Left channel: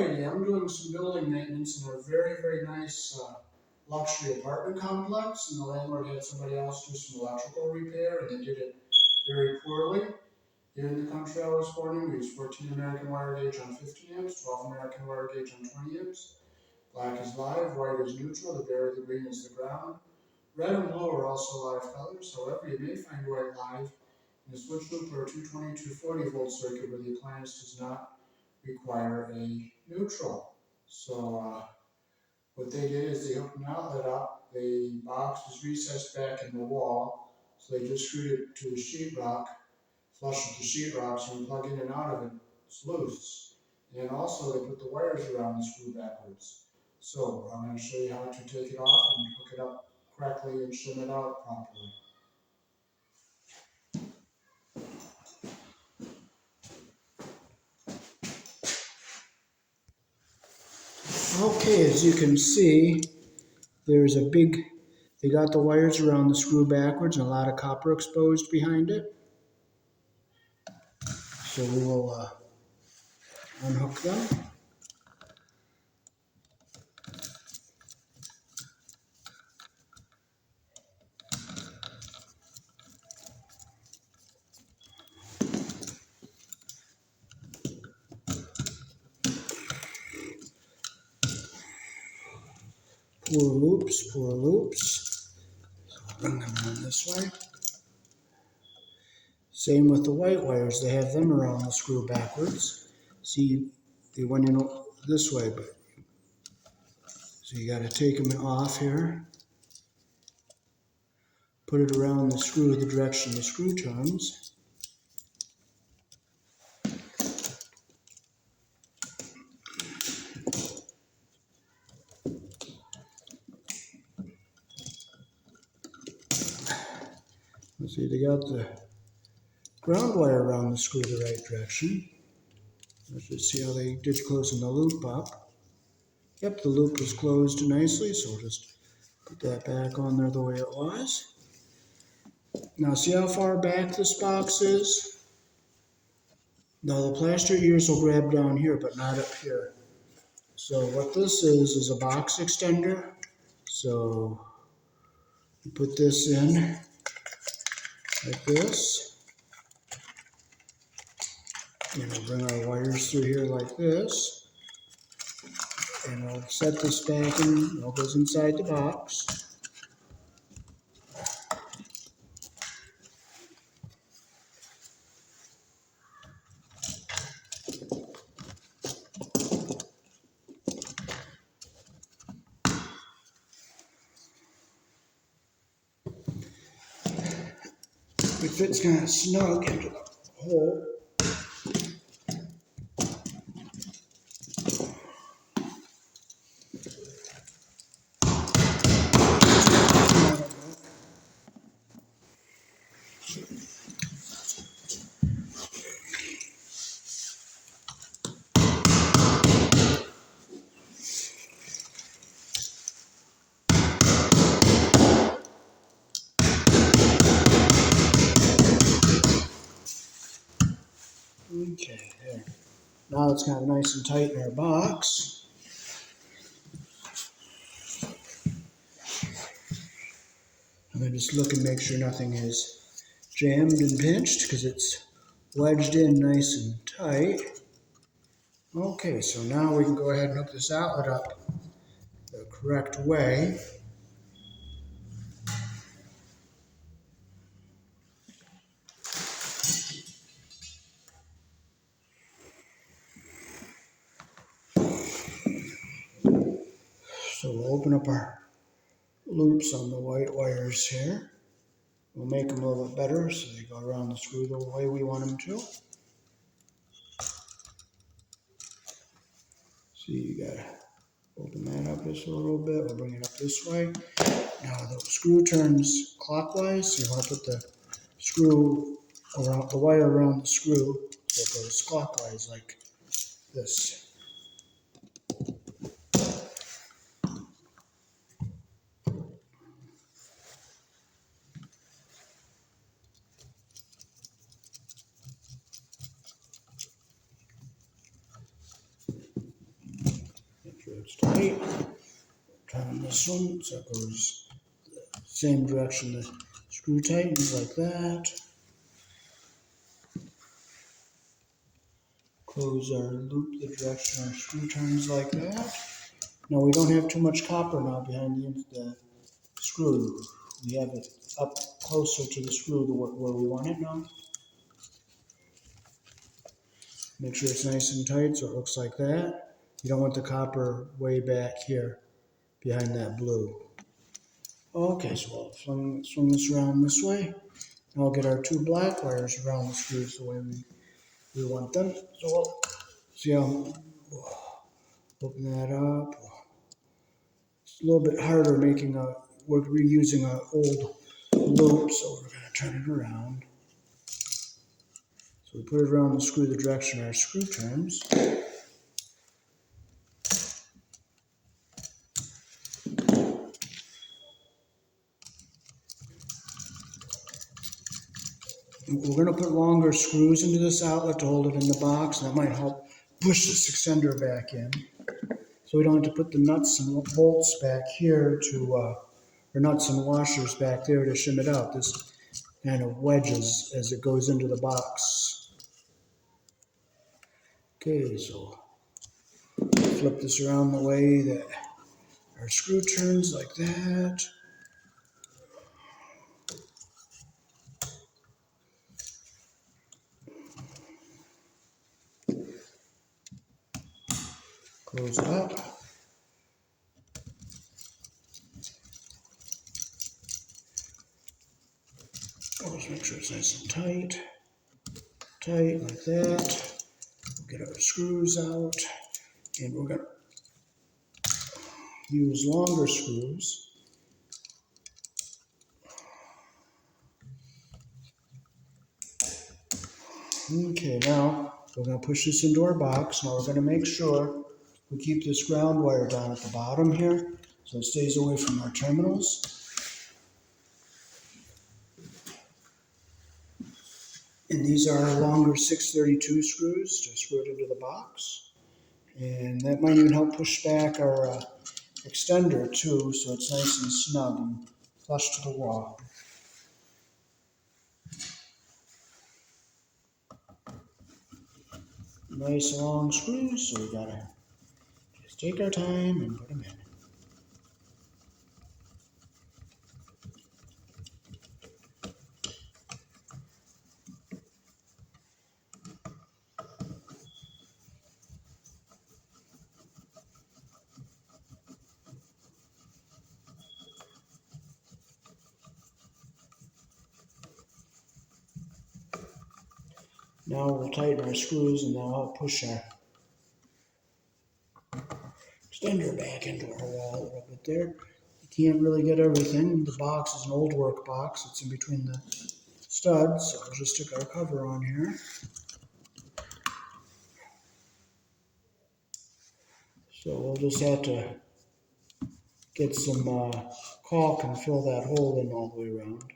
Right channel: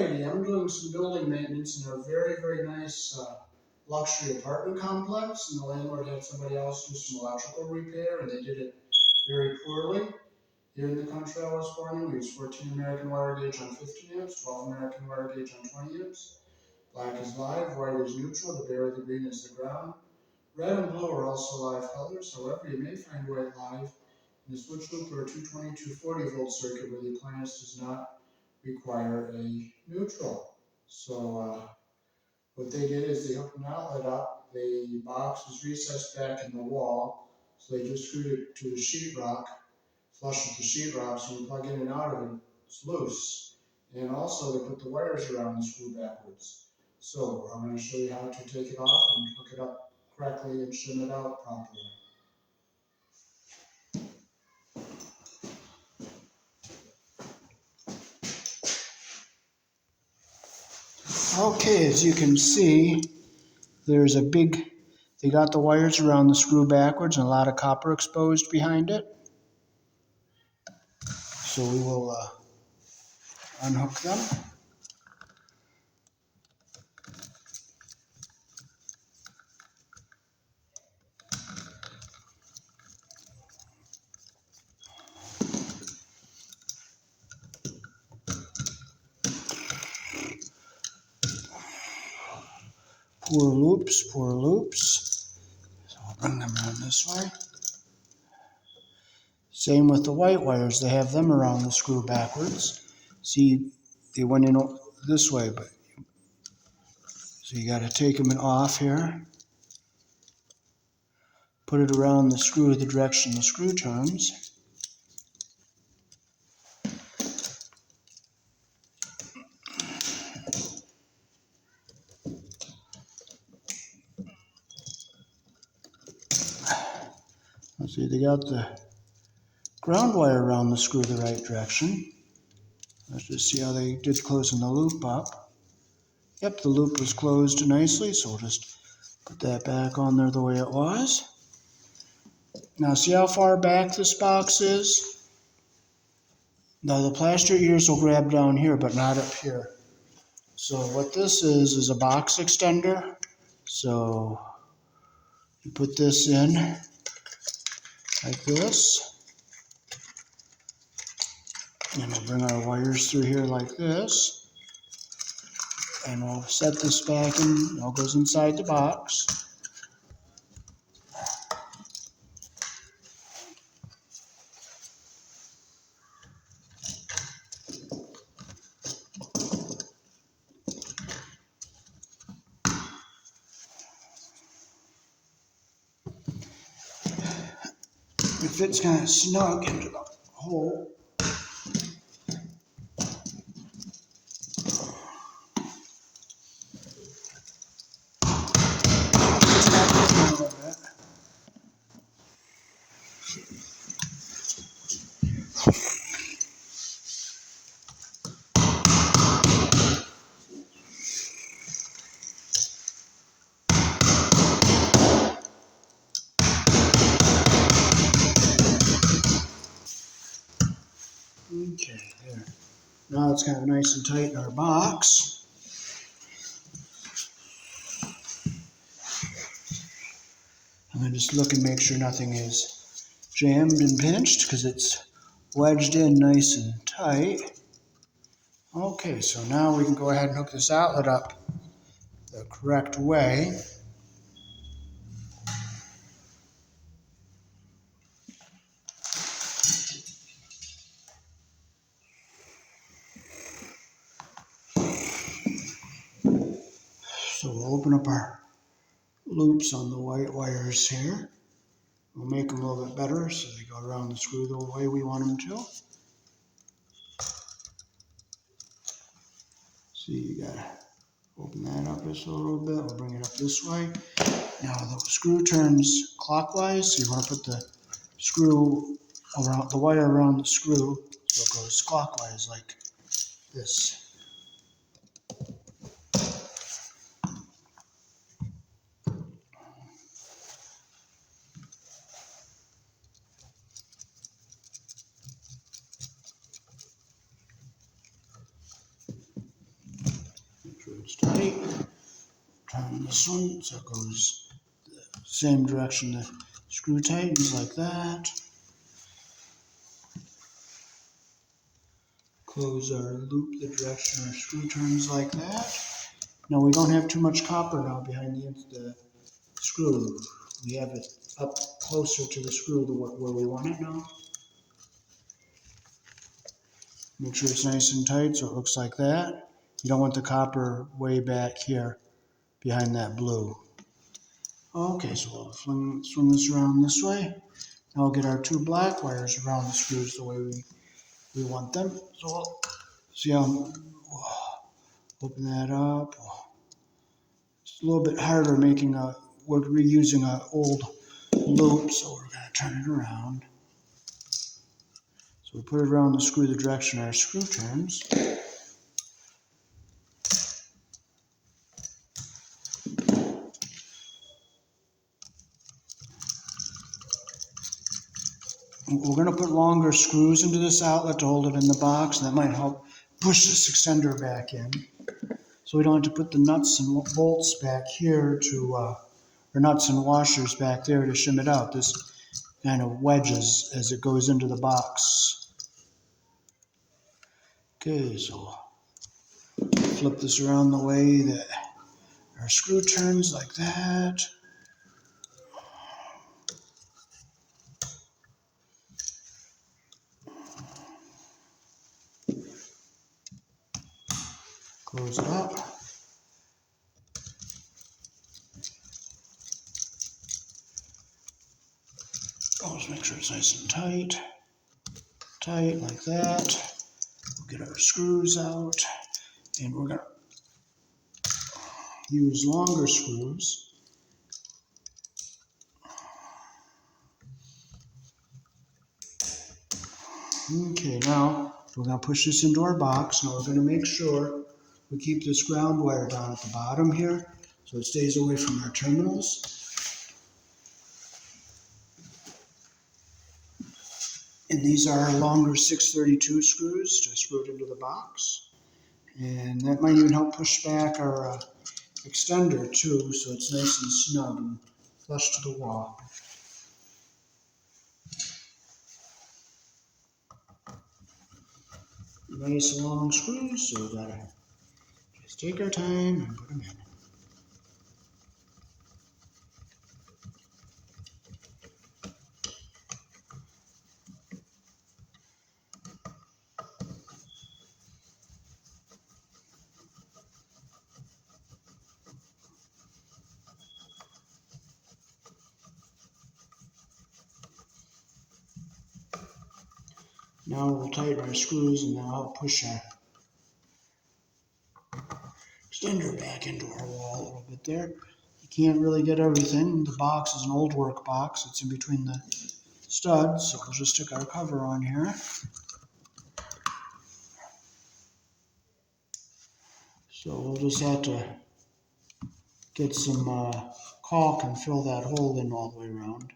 lady. I'm doing some building maintenance in a very, very nice luxury apartment complex, and the landlord had somebody else do some electrical repair, and they did it very poorly. Here in the country I was born in, we use 14 American wire gauge on 15 amps, 12 American wire gauge on 20 amps. Black is live, white is neutral, the bare, the green is the ground. Red and blue are also live colors, however, you may find white live in a switch loop or a 220, 240 volt circuit where the appliance does not require a neutral. So what they did is they hooked an outlet up, the box was recessed back in the wall, so they just screwed it to the sheetrock, flush with the sheetrock, so when you plug in and out of it, it's loose. And also they put the wires around the screw backwards. So I'm going to show you how to take it off and hook it up correctly and shim it out properly. Okay, as you can see, there's a big, they got the wires around the screw backwards and a lot of copper exposed behind it. So we will unhook them. Poor loops, poor loops. So I'll bring them around this way. Same with the white wires, they have them around the screw backwards. See, they went in this way, but so you got to take them off here. Put it around the screw the direction the screw turns. Let's see, they got the ground wire around the screw the right direction. Let's just see how they did closing the loop up. Yep, the loop was closed nicely, so we'll just put that back on there the way it was. Now see how far back this box is? Now the plaster ears will grab down here, but not up here. So what this is a box extender. So you put this in like this. And we'll bring our wires through here like this. And we'll set this back in, it all goes inside the box. It fits kind of snug into the hole. Okay, there. Now it's kind of nice and tight in our box. I'm going to just look and make sure nothing is jammed and pinched because it's wedged in nice and tight. Okay, so now we can go ahead and hook this outlet up the correct way. So we'll open up our loops on the white wires here. We'll make them a little bit better so they go around the screw the way we want them to. See, you gotta open that up just a little bit. We'll bring it up this way. Now the screw turns clockwise, so you want to put the screw around the wire around the screw so it goes clockwise like this. it's tight. Turn this one so it goes the same direction the screw tightens, like that. Close our loop the direction our screw turns, like that. Now we don't have too much copper now behind the screw. We have it up closer to the screw to where we want it now. Make sure it's nice and tight so it looks like that. You don't want the copper way back here behind that blue. Okay, so we'll swing this around this way. Now we'll get our two black wires around the screws the way we want them. So we'll see how we'll open that up. It's a little bit harder making we're reusing an old loop, so we're going to turn it around. So we put it around the screw the direction our screw turns. We're going to put longer screws into this outlet to hold it in the box, and that might help push this extender back in. So we don't have to put the nuts and bolts back here or nuts and washers back there to shim it out. This kind of wedges as it goes into the box. Okay, so flip this around the way that our screw turns, like that. Close it up. Always make sure it's nice and tight. Tight, like that. We'll get our screws out, and we're going to use longer screws. Okay, now we're going to push this into our box. Now we're going to make sure we keep this ground wire down at the bottom here so it stays away from our terminals. And these are our longer 632 screws to screw it into the box. And that might even help push back our extender too, so it's nice and snug and flush to the wall. Nice long screws, so we gotta just take our time and put them in. Now we'll tighten our screws and that'll help push our extender back into our wall a little bit there. You can't really get everything. The box is an old work box. It's in between the studs, so we'll just stick our cover on here. So we'll just have to get some caulk and fill that hole in all the way around.